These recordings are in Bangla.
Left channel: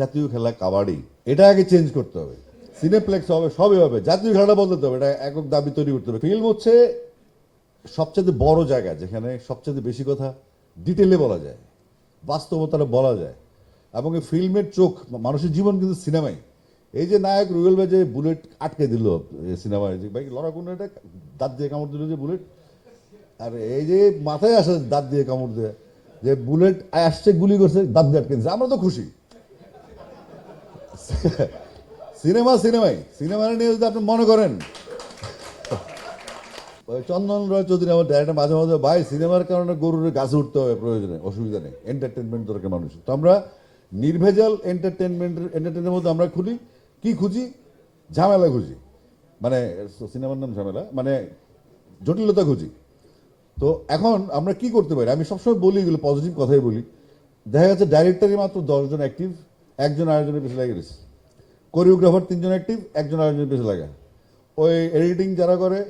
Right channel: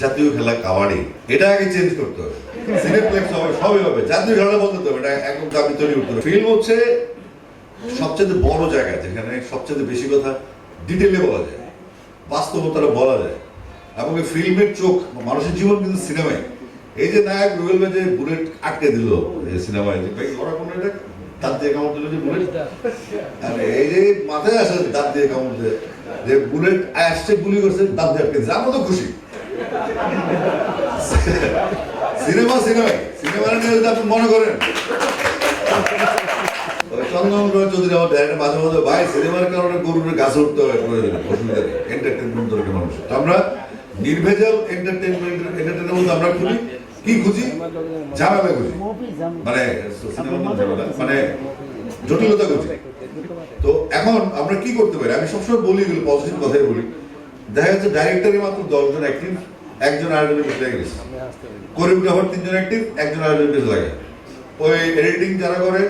জাতীয় খেলা কাবাডি, এটা আগে চেঞ্জ করতে হবে। সিনেপ্লেক্স হবে, সবই হবে, জাতীয় খেলা বলতে হবে, এটা একক দাবি তৈরি করতে হবে। ফিল্ম হচ্ছে সবচেয়ে বড় জায়গা যেখানে সবচেয়ে বেশি কথা ডিটেলে বলা যায়, বাস্তবতাটা বলা যায়, এবং এই ফিল্মের চোখ মানুষের জীবন কিন্তু সিনেমায়। এই যে নায়ক রুবেল ভাই যে বুলেট আটকে দিল সিনেমায়, যে ভাই ওরা কোনো এটা দাঁত দিয়ে কামড় দিল যে বুলেট, আরে এই যে মাথায় আসে দাঁত দিয়ে কামড় দিয়ে যে বুলেট আসছে, গুলি করছে, দাঁত দিয়ে আটকে দিচ্ছে, আমরা তো খুশি। সিনেমা সিনেমায় সিনেমা নিয়ে যদি আপনি মনে করেন চৌধুরী আমার ডাইরেক্টর মাঝে মাঝে ভাই সিনেমার কারণে গরুর গাছে উঠতে হবে প্রয়োজনে, অসুবিধা নেই, এন্টারটেনমেন্ট দরকার মানুষ। আমরা নির্ভেজাল এন্টারটেনমেন্ট আমরা খুঁজি, কি খুঁজি? ঝামেলা খুঁজি, মানে মানে জটিলতা খুঁজি। তো এখন আমরা কি করতে পারি? আমি সবসময় বলি, পজিটিভ কথাই বলি। দেখা যাচ্ছে ডাইরেক্টরের মাত্র 10 জন অ্যাক্টিভ, একজন আরেকজনের পিছনে লেগে গেছে। কোরিওগ্রাফার 3 জন অ্যাক্টিভ, একজন আরেকজনের পিছনে লাগে। ওই এডিটিং যারা করে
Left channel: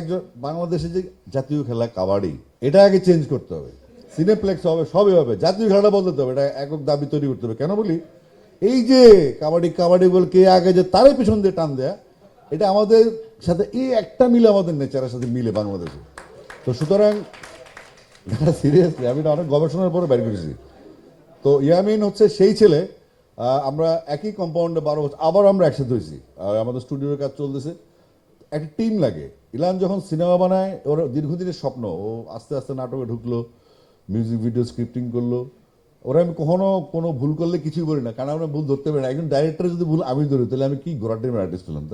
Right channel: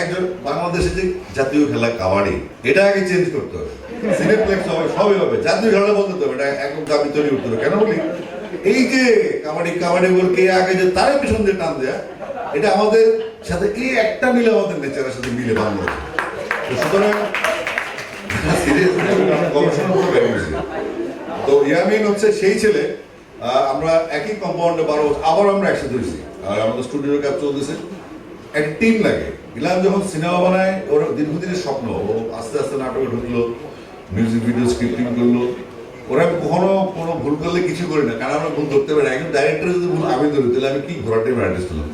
একজন। বাংলাদেশে যে জাতীয় খেলা কাবাডি, এটা আগে চেঞ্জ করতে হবে। সিনেপ্লেক্স হবে, সবই হবে, জাতীয় খেলা বলতে হবে, এটা একক দাবি তৈরি করতে হবে। কেন বলি? এই যে কাবাডি কাবাডি বলে কে আগে যে তারের পিছন দিয়ে টান দেয়া, এটা আমাদের সাথে এই একটা মিলে আমাদের নেচারের সাথে মিলে বাংলাদেশে। তো সুতরাং সিরিয়াস গবেষণা করে বের করেছি। তো ইয়ামিন হচ্ছে সেই ছেলে, আমরা একই কম্পাউন্ডে 12 বছর আবার আমরা একসাথে হয়েছি, আর আমাদের স্টুডিও কাজ চলতেছে। একটা টিম লাগে। ইলাম যখন সিনেমা বানায়, ওর দীর্ঘদিনের স্বপ্ন, ও আস্তে আস্তে নাটকে ঢুকলো, মিউজিক ভিডিও স্ক্রিপ্টিং করলো। ওরা কখনো কোনো ভুল করলে কিছু করি না, কারণ আমরা ভুল ধরতে পারি না। একজন ডাইরেক্টর যদি ভুল আমি ধরি, তাহলে আমি কি ঘোরাতে আর্টিস্ট হলাম?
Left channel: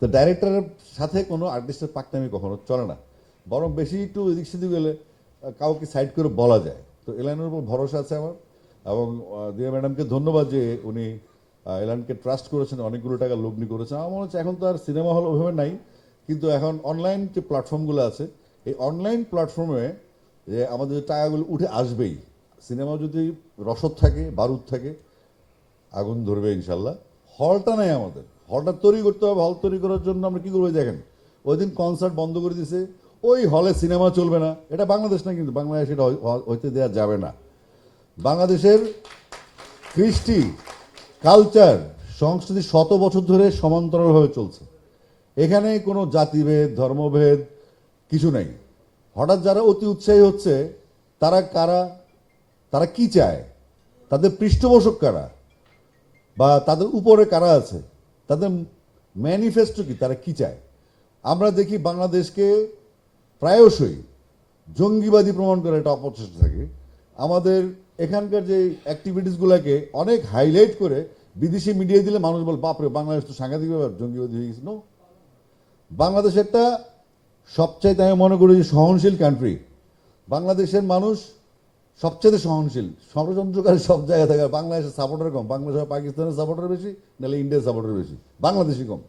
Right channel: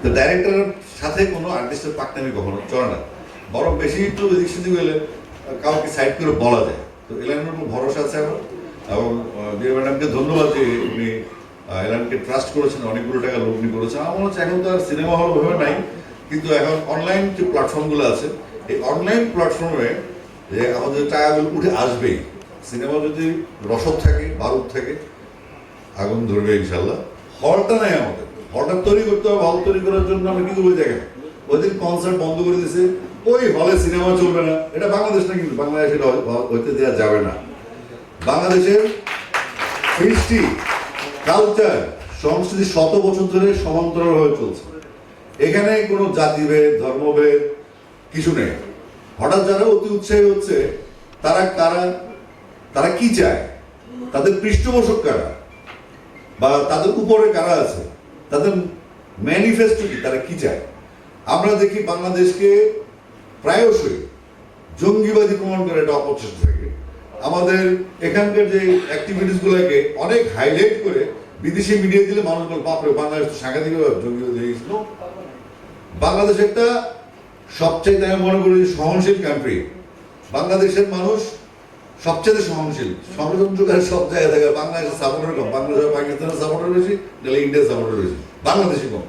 তো ডাইরেক্টরের সাথে কোনো আর্টিস্টের পাকনামি কখনো চলে না, বরং বেশি একটু এদিক সেদিক হলে কাউকে সাইড করে বলা যায়। তো এলানের উপর ভরসা আছে এখন, এবং বিয়ে ম্যাডামকে ধন্যবাদ যে উনি এলানকে ট্রাস্ট করেছেন, অনেকগুলো টাকা লগ্নি করেছেন। আমার মনে হচ্ছে এখন তো আর সিনেমা হল ওইভাবে নাই, কিন্তু এখন অনলাইন যে প্ল্যাটফর্মগুলো আছে, এই অনলাইন প্ল্যাটফর্মে যে আমাদের টাকাগুলো উঠে আসবেই। সিনেমা যদি রসদ থাকে, বারুদ থাকে, আগুন ধরবে ইনশাল্লাহ। হলটা নাই আমাদের, হলটা তৈরি করতে হবে। হল তৈরি করার জন্য আমরা কি করে দেখেন, ওই দিন কনসার্ট বন্ধ করে দিয়েছে, ওই হলে সিনেমা চলবে না। এটা বাংলাদেশ না, কিন্তু বাংলাদেশে হইতে দেওয়া যাবে না। বাংলাদেশের কৃষ্টি, কালচার, সংস্কৃতি 100 বছর ধরে সমান্তরালভাবে চলছে। এখানে কোনো জাতিভেদ, ধর্মভেদ কিছু নেই। হঠাৎ যারা অতি উৎসাহী হচ্ছে, তারা কারা, তারা কি চায়, তাদের পৃষ্ঠপোষক কারা, বা তাদের উপরে কারা আছে, তাদের ম্যানিফেস্টো কি, তারা কি চায়। আমরা দেখি বাংলাদেশকে প্রায়শই জঙ্গিবাদী প্রমাণ করে এটা অপচেষ্টা থাকে। আমাদের এখানকার যে অ্যাক্টিভিটিসগুলোকে অনেক হাইলাইট করে বিদেশি মিডিয়া দিলে মানুষ বলে, বাপরে বাংলাদেশ তো সাংঘাতিক জঙ্গিবাদী হয়ে গেছিল। বাংলাদেশ একটা সবচেয়ে, আমি মনে করি, সহনশীল কান্ট্রি। বাংলাদেশের মানুষ সবচেয়ে সহনশীল, ষড়যন্ত্রকারী সব জায়গায় থাকে। বাংলাদেশের সাপোর্টার কম, বাংলাদেশের পাকিস্তানের সাপোর্টার বেশি, নাহলে ইন্ডিয়ার সাপোর্টার বেশি, বাংলাদেশি কম।